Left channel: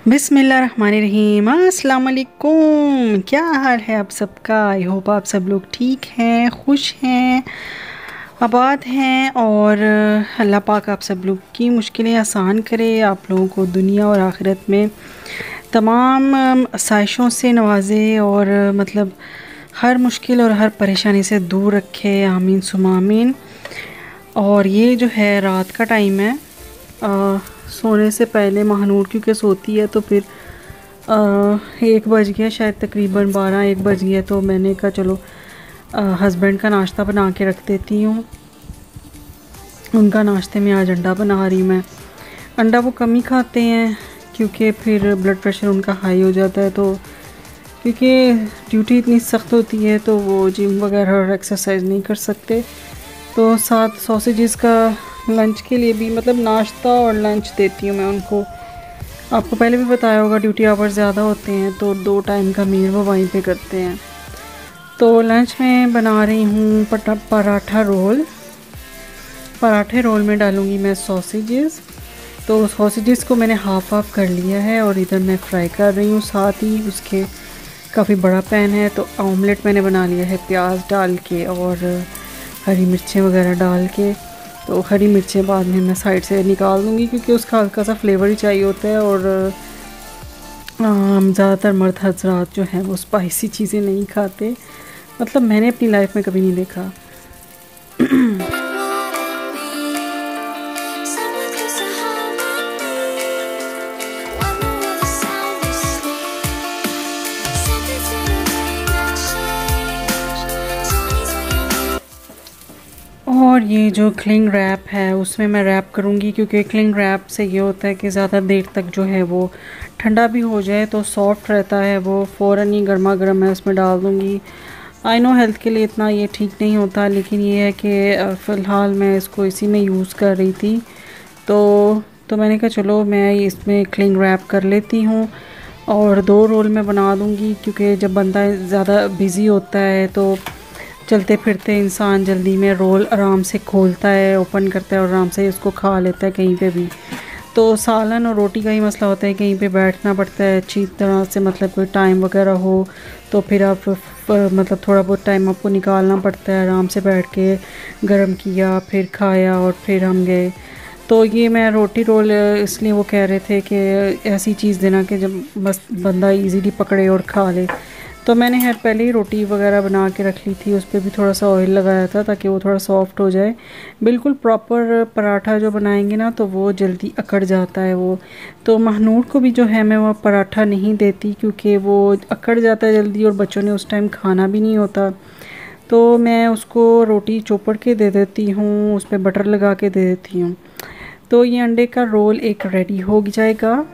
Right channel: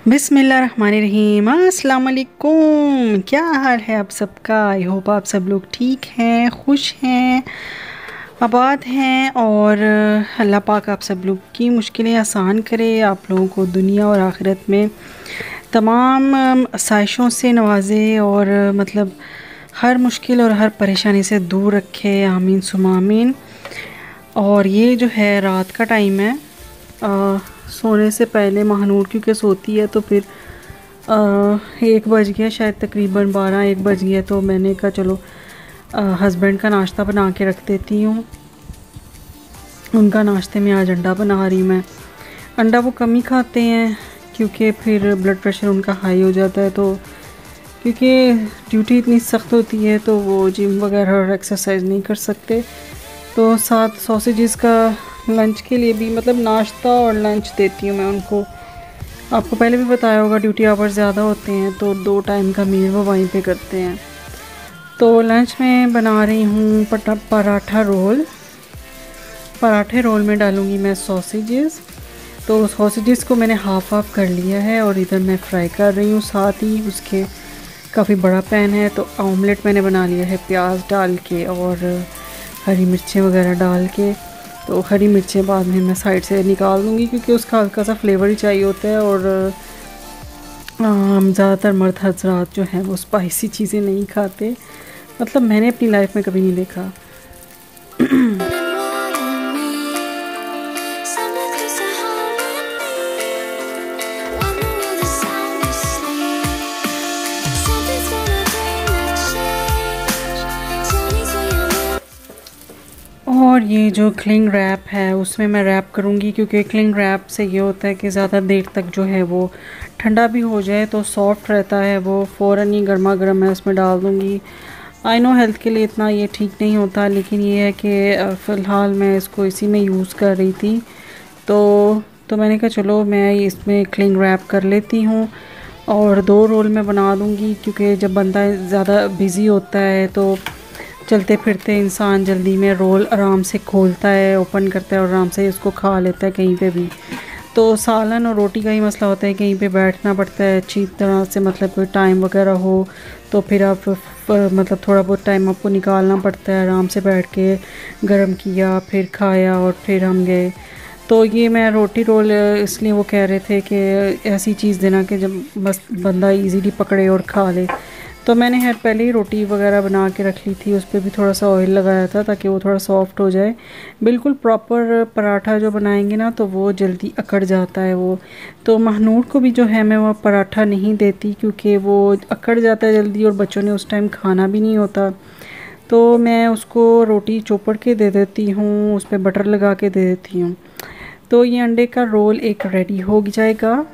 बिस्मिल्लाहिर्रहमानिर्रहीम। अस्सलाम वालेकुम। क्या हाल है आप सबका? आई होप आप सब लोग ठीक हैं, खुश हैं, आबाद हैं और अल्लाह पाक आप सब लोग की मुश्किलें आसान करे, आप लोगों को दुनिया और आखिरत में तमाम आसाइशों से नवाजे और मतलब हर मुश्किल और हर परेशानी से दूर रखे। आमीन सुमा आमीन। और ये जो है रात का टाइम है, सोने से पहले महानूर क्योंकि सोती है तो फिर 1 बज गया, शायद तकरीबन 12-1 बज गया। तो मैंने कहा चलो हस्बैंड का नाश्ता बना के रख देती हूँ। उनका नाश्ते में आज अंडा बना रही मैं। अंडा वो कम ही खाते हैं क्योंकि फिर ब्लड प्रेशर उनका हाई हो जाता है, तो क्योंकि ड्यूटी इतनी सख्त होती है तो वो जिम वगैरह और एक्सरसाइज नहीं कर सकते। तो साथ सॉसेजेस का लंच के लिए भी मतलब नाश्ता और लंच देती हूँ मैं उनको। आपको पहले भी बताया होगा ड्यूटी आवर्स ज़्यादा होते हैं तो 2 टाइम का मील वो वहीं पे करते हैं। तो लंच में बना रही हूँ पराठा रोल। पराठे रोल में डालूँगी मैं सॉसेजेस। तो सॉसेजेस को मैंने हाफ कर लिया है और इधर मैं फ्राई कर रही हूँ। साथ ही उसके काफ़ी बड़ा पैन है तो ऑमलेट मैंने बना लिया है प्याज डाल के और हरी मिर्चें वगैरह डाल के। तो हरी मिर्चें बाद में मैं साइड से निकाल दूँगी क्योंकि उसका हल्का सा फ्लेवर ही चाहिए होता है। और ज़्यादातर मर्द हज़रात जो हैं वो स्पाइसी चीज़ें नहीं खाते, मतलब मैंने अपनी लाइफ में कभी नहीं देखा। और ये जो क्लिंग रैप है उसमें मैं रैप करूँगी क्योंकि क्लिंग रैप से ये होता है कि ज़्यादा देर तक जो है वो ठंडा भी हो जाए तो सॉफ्ट रहता है। वो फ़ौरन ही गर्मा गर्म मैं उसमें डाल दूँगी। आई नो हेल्थ के लिए इतना ये ठीक नहीं होता, लेकिन ये है कि फ़िलहाल मैं इसको इसी में यूज़ कर रही थी तो मैंने कहा चलो मैं इसमें क्लिंग रैप कर लेती हूँ और 2 रोल में बना दूँगी क्योंकि जब बंदा ज़्यादा बिज़ी होता है तो चलते फिरते इंसान जल्दी में रोल आराम से खोलता है, ओपन करता है और आराम से इसको खा लेता है कहीं पे भी। तो सालन और रोटी का ही मसला होता है, कहीं पे बैठना पड़ता है अच्छी तरह से, मतलब कोई टाइम वगैरह हो तो फिर आप मतलब थोड़ा बहुत टाइम आपको निकालना पड़ता है। आराम से बैठ के गरम किया, फिर खाया और फिर हम गए। तो ये मैं रोटी रोल इसलिए वो कह रहे थे कि ऐसी चीज़ देना कि जब बस बंदा इजीली पकड़े और खा ले। तो मैंने खैर पहले ही रोटी वगैरह बना के रख ली थी, उस पर भी थोड़ा सा ऑयल लगाया था ताकि वो थोड़ा सॉफ्ट हो जाए। बिल्कुल प्रॉपर पराठा जो बनाएंगे ना तो वो जल्दी अकड़ जाता है वो। तो महानूर को भी जो है मैं वो पराठा नहीं देती क्योंकि वो अकड़ जाता है जल्दी और बच्चों ने उस टाइम खाना भी नहीं होता। तो मैं उसको रोटी चोपड़ के दे देती हूँ, उस पर बटर लगा के दे देती हूँ। तो ये अंडे का रोल एक रेडी हो जाएगा।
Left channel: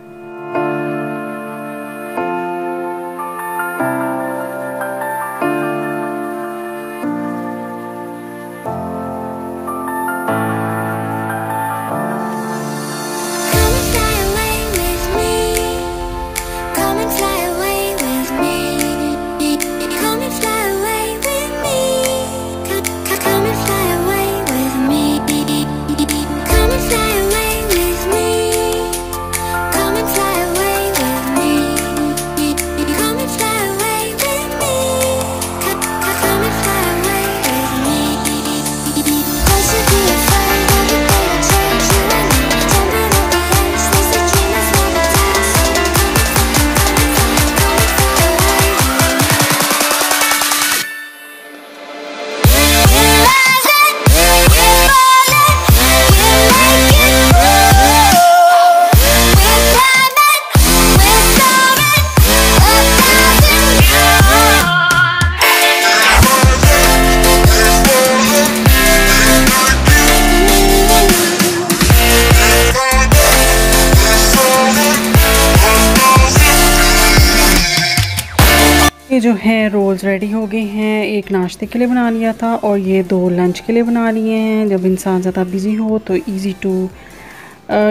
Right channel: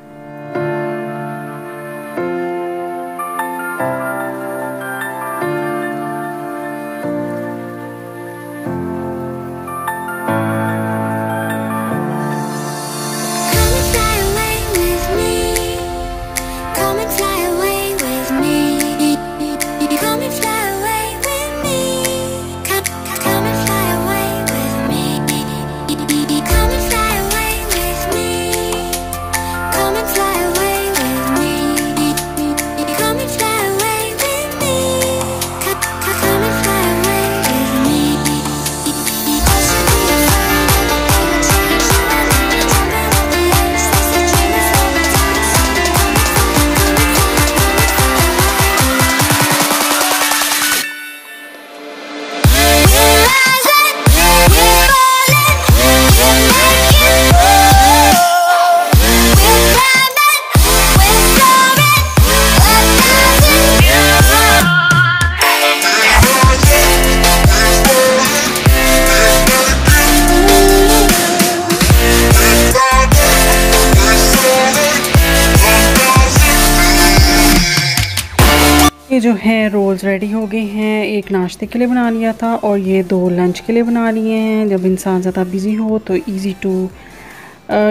ये जो है रोल्स रेडी हो गए हैं। एक नाश्ते के लिए बना लिया था और ये 2 लंच के लिए बना लिए हैं। जब इंसान ज़्यादा बिज़ी हो तो इजी टू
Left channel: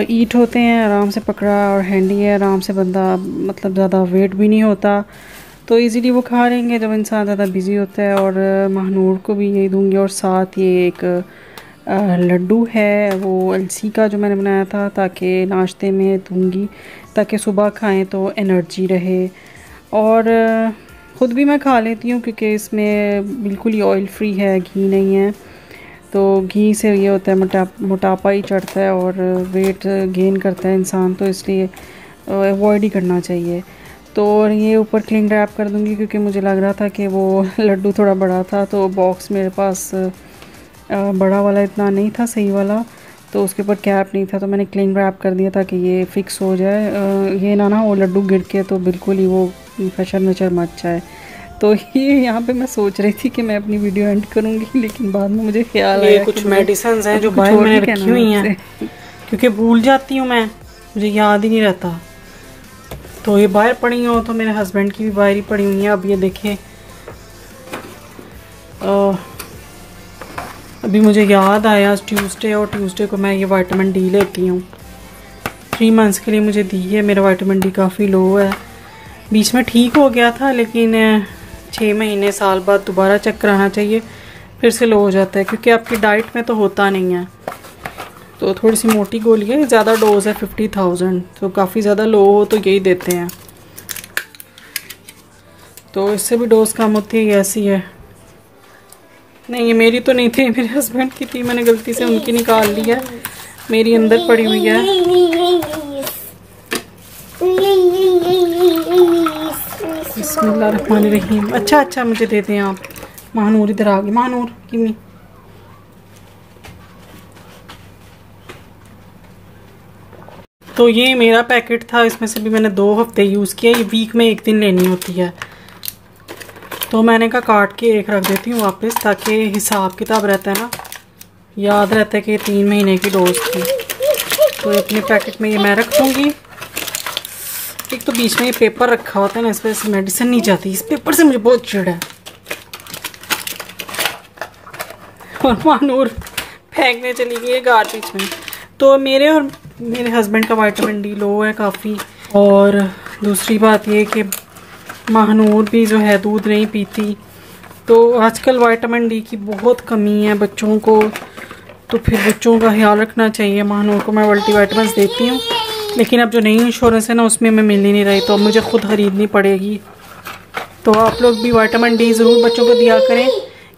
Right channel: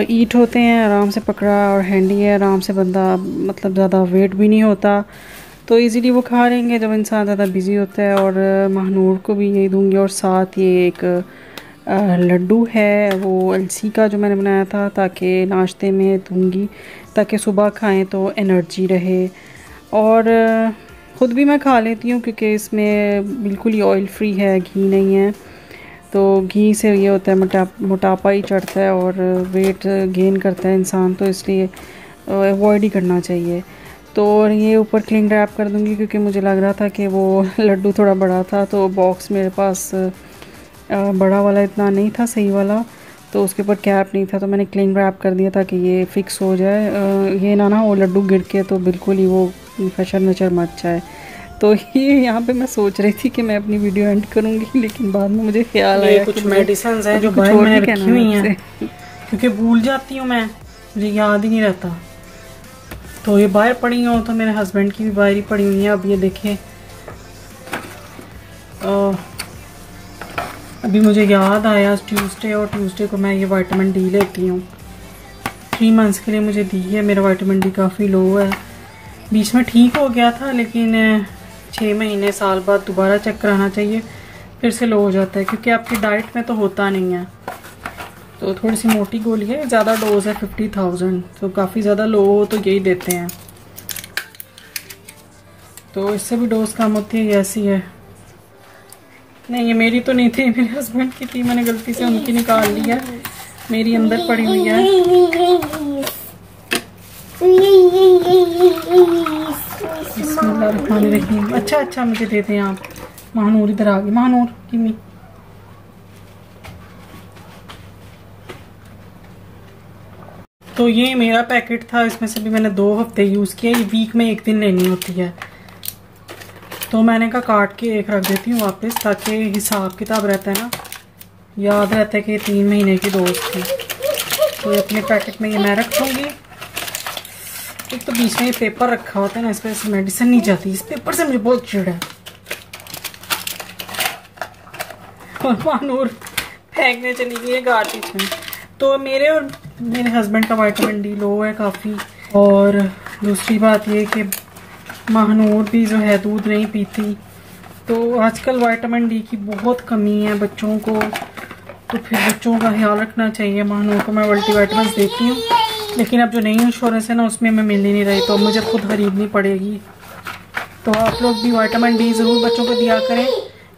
ईट होते हैं, आराम से पकड़ा और हैंडी है, आराम से बंदा मतलब ज़्यादा वेट भी नहीं होता तो इजीली वो खा लेंगे जब इंसान ज़्यादा बिज़ी होता है। और महानूर को भी यही दूंगी और साथ ये एक लड्डू है वो अलसी का जो मैंने बनाया था, ताकि नाश्ते में दूंगी, ताकि सुबह खाएं तो एनर्जी रहे। और ख़ुद भी मैं खा लेती हूँ क्योंकि इसमें बिल्कुल ही ऑयल फ्री है, घी नहीं है। तो घी से ये होता है मोटापा ही चढ़ता है और वेट गेन करता है इंसान, तो इसलिए अवॉइड ही करना चाहिए। तो ये ऊपर क्लिंग रैप कर दूँगी क्योंकि मुझे लग रहा था कि वो लड्डू थोड़ा बड़ा था, तो बॉक्स मेरे पास बड़ा वाला इतना नहीं था सही वाला, तो उसके ऊपर कैप नहीं था, तो मैंने क्लिंग रैप कर दिया ताकि ये फ़िक्स हो जाए। ये ना वो लड्डू गिर के तो बिल्कुल ही वो फशर नचर मच जाए। तो ये यहाँ पे मैं सोच रही थी कि मैं अपनी वीडियो एंड करूँगी, लेकिन बाद में मुझे ख्याल आया कुछ कि मेडिसिन है जो कुछ और भी कहना हुई हैं क्योंकि भूल जाती हूँ मैं, मुझे याद ही नहीं रहता। तो ये बाहर पड़ी हो, तो मेरे हस्बैंड की भी बाहर ही पड़ी हुई है। अब ये देखिए, अभी मुझे याद आया ट्यूसडे, और ट्यूसडे को मैं ये विटामिन डी लेती हूँ। 3 मंथ्स के लिए मुझे दी है। मेरा विटामिन डी काफ़ी लो है, बीच में ठीक हो गया था, लेकिन 6 महीने साल बाद दोबारा चेक कराना चाहिए, फिर से लो हो जाता है क्योंकि आपकी डाइट में तो होता नहीं है। तो थोड़ी सी मोटी गोली है, ज़्यादा डोज है 50,000, तो काफ़ी ज़्यादा लो हो तो यही देते हैं। तो इससे भी डोज कम होती है, ऐसी है। नहीं, ये मेरी तो नहीं थी, मेरे हस्बैंड की थी, मैंने गलती से उनकी निकाल ली है, मेरी अंदर पड़ी हुई है। बिस्मिल्लाहिर्रहमानिर्रहीम। अच्छा मुझे दे दें आप। महानूर इधर आ गई, महानूर किमी। तो ये मेरा पैकेट था, इसमें से भी मैंने 2 हफ्ते यूज़ किया। ये वीक में 1 दिन लेनी होती है, तो मैंने कहा काट के एक रख देती हूँ वापस, ताकि हिसाब किताब रहता है ना, याद रहता है कि 3 महीने की डोज थी। तो अपने पैकेट में ये मैं रख दूँगी। एक तो बीच में ये पेपर रखा होता है ना, इस पर से मेडिसिन नहीं जाती, इस पेपर से मुझे बहुत चिढ़ है। और मानूर फेंकने चली गई है गार्बेज में। तो मेरे और मेरे हस्बैंड का विटामिन डी लो है काफ़ी। और दूसरी बात ये कि महानूर भी जो है दूध नहीं पीती, तो आजकल विटामिन डी की बहुत कमी है बच्चों को, तो फिर बच्चों का ख्याल रखना चाहिए। महानूर को मैं मल्टीविटामिन देती हूँ, लेकिन अब जो नई इंश्योरेंस है ना, उसमें मैं मिल ही नहीं रही, तो अब मुझे खुद खरीदनी पड़ेगी। तो आप लोग भी विटामिन डी ज़रूर बच्चों को दिया करें,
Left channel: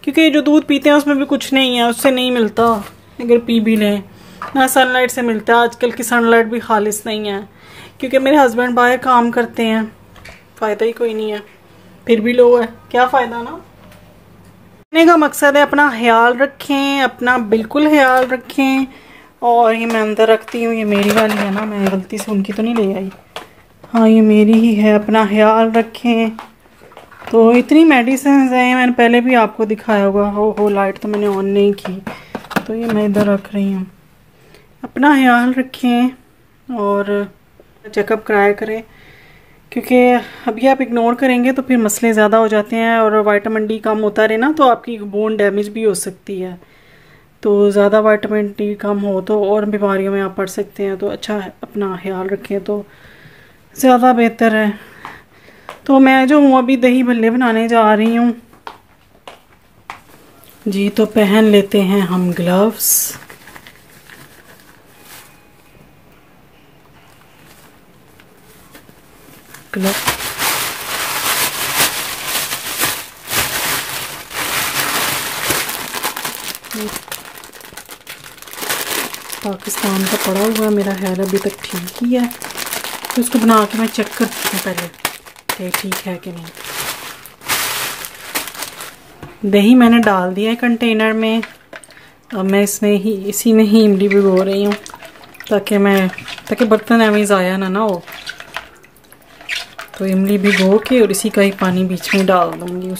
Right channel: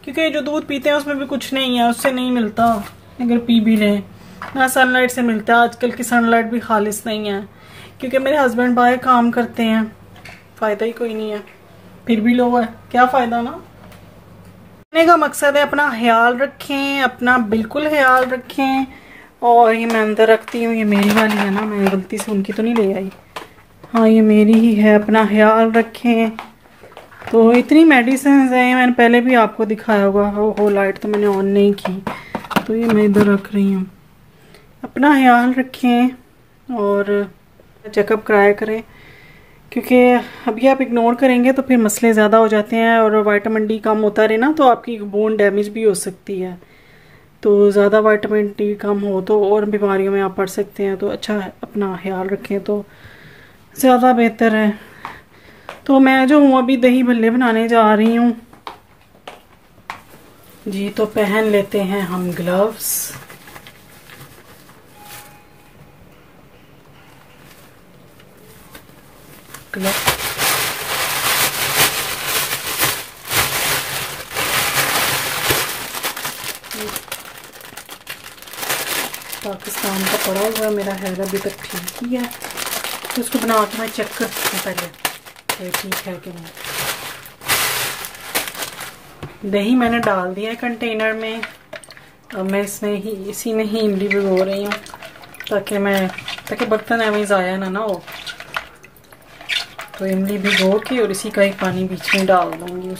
क्योंकि जो दूध पीते हैं उसमें भी कुछ नहीं है, उससे नहीं मिलता। अगर पी भी लें ना, सनलाइट से मिलता है। आजकल की सनलाइट भी खालिस नहीं है, क्योंकि मेरे हस्बैंड बाहर काम करते हैं, फ़ायदा ही कोई नहीं है, फिर भी लो है, क्या फ़ायदा ना। कहने का मकसद है अपना ख्याल रखें, अपना बिल्कुल ख्याल रखें। और ये मैं अंदर रखती हूँ, ये मेरी वाली है ना, मैं गलती से उनकी तो नहीं ले आई। हाँ, ये मेरी ही है, अपना ख्याल रखें। तो इतनी मेडिसिन हैं, मैंने पहले भी आपको दिखाया होगा। हो लाइट तो मैंने ऑन नहीं की, तो ये मैं इधर रख रही हूँ। अपना ख्याल रखें और चेकअप कराया करें, क्योंकि अभी आप इग्नोर करेंगे तो फिर मसले ज़्यादा हो जाते हैं, और विटामिन डी कम होता रहे ना, तो आपकी बोन डैमेज भी हो सकती है। तो ज़्यादा विटामिन डी कम हो तो और बीमारियों में आप पड़ सकते हैं। तो अच्छा है, अपना ख्याल रखें तो ज़्यादा बेहतर है। तो मैं जो हूँ अभी दही भल्ले बनाने जा रही हूँ जी। तो पहन लेते हैं हम ग्लव्स। पाकिस्तान का पड़ा हुआ मेरा हेयर अभी तक ठीक ही है, तो उसको बना के मैं चेक करती हूँ पहले कि ठीक है कि नहीं। दही मैंने डाल दिया है कंटेनर में। अब मैं इसी में ही इमली भिगो रही हूँ, ताकि बर्तन ऐਵੇਂ ज़ाया ना हो। तो इमली भिगो के और इसी का ही पानी बीच में डाल दूँगी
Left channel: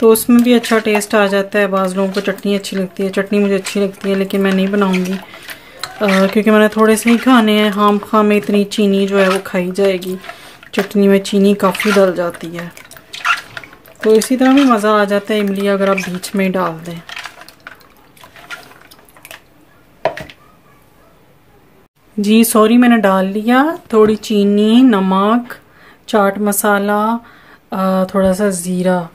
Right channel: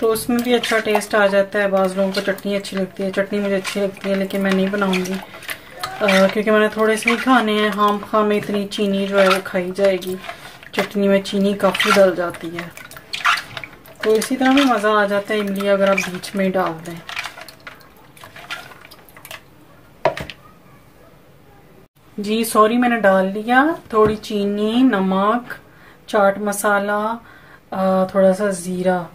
तो उसमें भी अच्छा टेस्ट आ जाता है। बाज़ लोगों को चटनी अच्छी लगती है, चटनी मुझे अच्छी लगती है, लेकिन मैं नहीं बनाऊँगी क्योंकि मैंने थोड़े से ही खाने हैं। खाम खाम में इतनी चीनी जो है वो खाई जाएगी, चटनी में चीनी काफ़ी डल जाती है। तो इसी तरह भी मज़ा आ जाता है इमली अगर आप बीच में डाल दें। जी सॉरी, मैंने डाल लिया थोड़ी चीनी, नमक, चाट मसाला, थोड़ा सा ज़ीरा।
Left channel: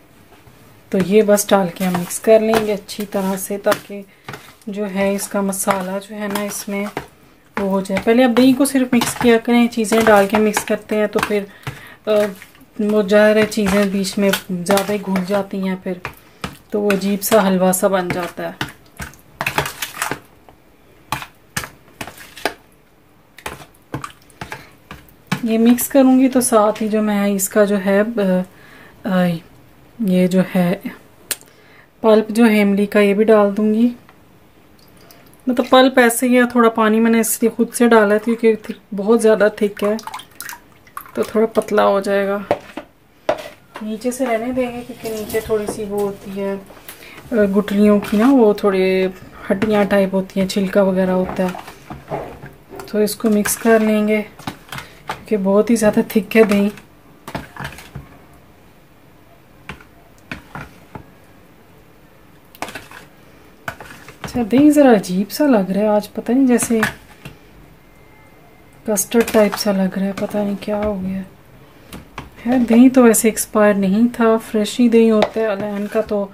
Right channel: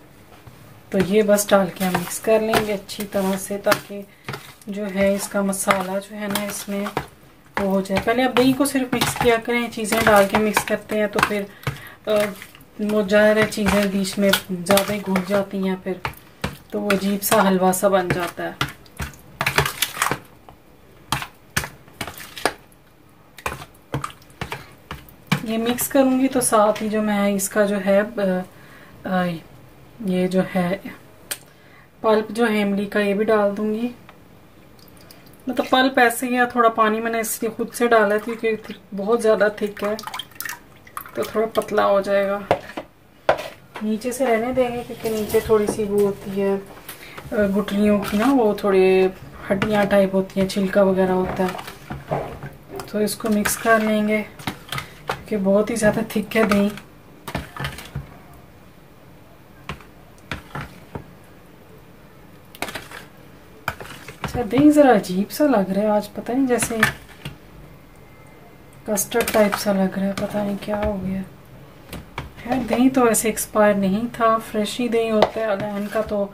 तो ये बस डाल के हम मिक्स कर लेंगे अच्छी तरह से, ताकि जो है इसका मसाला जो है ना इसमें वो हो जाए। पहले आप दही को सिर्फ मिक्स किया करें, चीज़ें डाल के मिक्स करते हैं तो फिर वो ज़्यादा चीज़ें बीच में ज़्यादा ही घुल जाती हैं, फिर तो वो अजीब सा हलवा सा बन जाता है। ये मिक्स करूंगी तो साथ ही जो मैं इसका जो है ये जो है पल्प जो है इमली का ये भी डाल दूंगी। मतलब पल्प ऐसे ही है, थोड़ा पानी मैंने इसलिए खुद से डाला था क्योंकि बहुत ज़्यादा थिक है तो थोड़ा पतला हो जाएगा। नीचे से रहने देंगे क्योंकि नीचे थोड़ी सी वो होती है गुठलियों की ना, वो थोड़ी हड्डियाँ टाइप होती हैं, छिलका वगैरह होता है। तो इसको मिक्स कर लेंगे क्योंकि बहुत ही ज़्यादा थिक है दही। अच्छा दही ज़रा अजीब सा लग रहा है आज, पता नहीं जैसे कस्टर्ड टाइप सा लग रहा है, पता नहीं क्या हो गया है। दही तो वैसे एक्सपायर नहीं था, फ्रेश ही दही होता है अलायन का। तो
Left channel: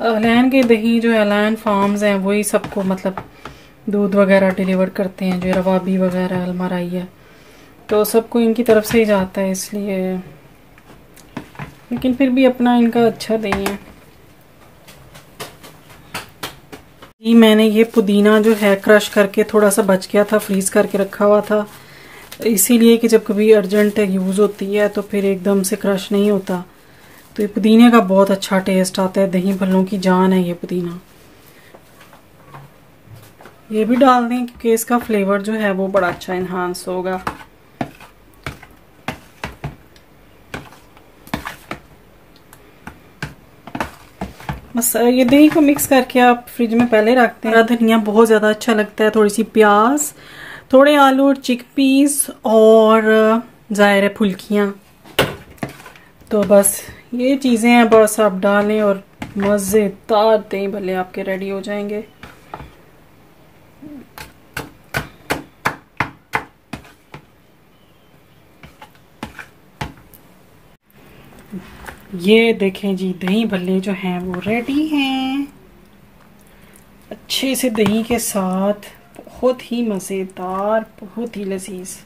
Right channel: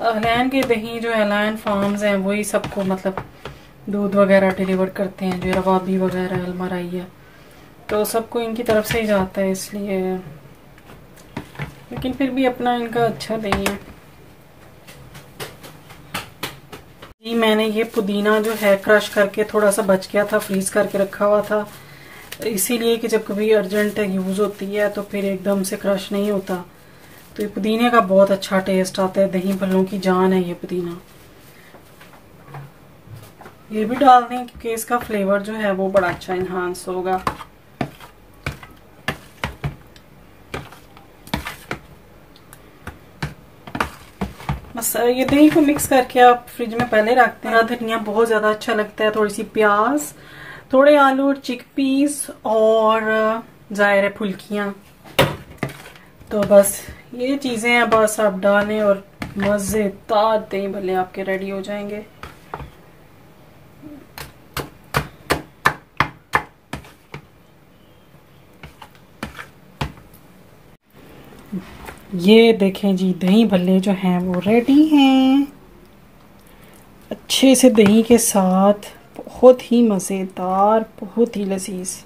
अलायन के दही जो अलायन फार्म्स हैं वही सबको मतलब दूध वगैरह डिलीवर करते हैं, जो रवाबी वगैरह अलमराई है तो सबको इनकी तरफ से ही जाता है, इसलिए। लेकिन फिर भी अपना इनका अच्छा दही है जी। मैंने ये पुदीना जो है क्रश करके थोड़ा सा बच गया था, फ्रीज करके रखा हुआ था, इसीलिए कि जब कभी अर्जेंट यूज होती है तो फिर एकदम से क्रश नहीं होता। तो ये पुदीने का बहुत अच्छा टेस्ट आता है, दही भल्लों की जान है ये पुदीना। ये भी डाल दें क्योंकि इसका फ्लेवर जो है वो बड़ा अच्छा इन्हांस होगा। बस ये दही को मिक्स करके आप फ्रिज में पहले रखते हैं। धनिया बहुत ज्यादा अच्छा लगता है, थोड़ी सी प्याज, थोड़े आलू और चिकपीस और ज़ाहिर फुल्कियाँ। तो बस ये चीजें हैं, बस आप डालें और मजेदार दही भल्ले आपके रेडी हो जाएंगे। ये देखें जी दही भल्ले जो हैं वो रेडी हैं, अच्छे से दही के साथ, बहुत ही मज़ेदार, बहुत ही लजीज।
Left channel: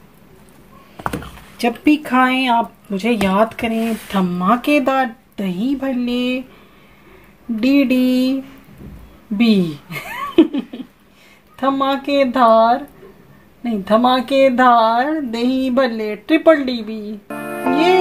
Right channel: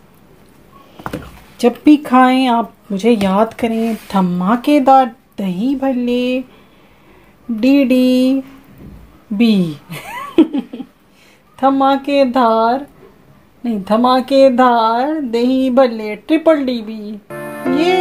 जब भी खाएं आप मुझे याद करें, धमाकेदार दही भल्ले DDB धमाकेदार नहीं, धमाकेदार दही भल्ले DDB। ये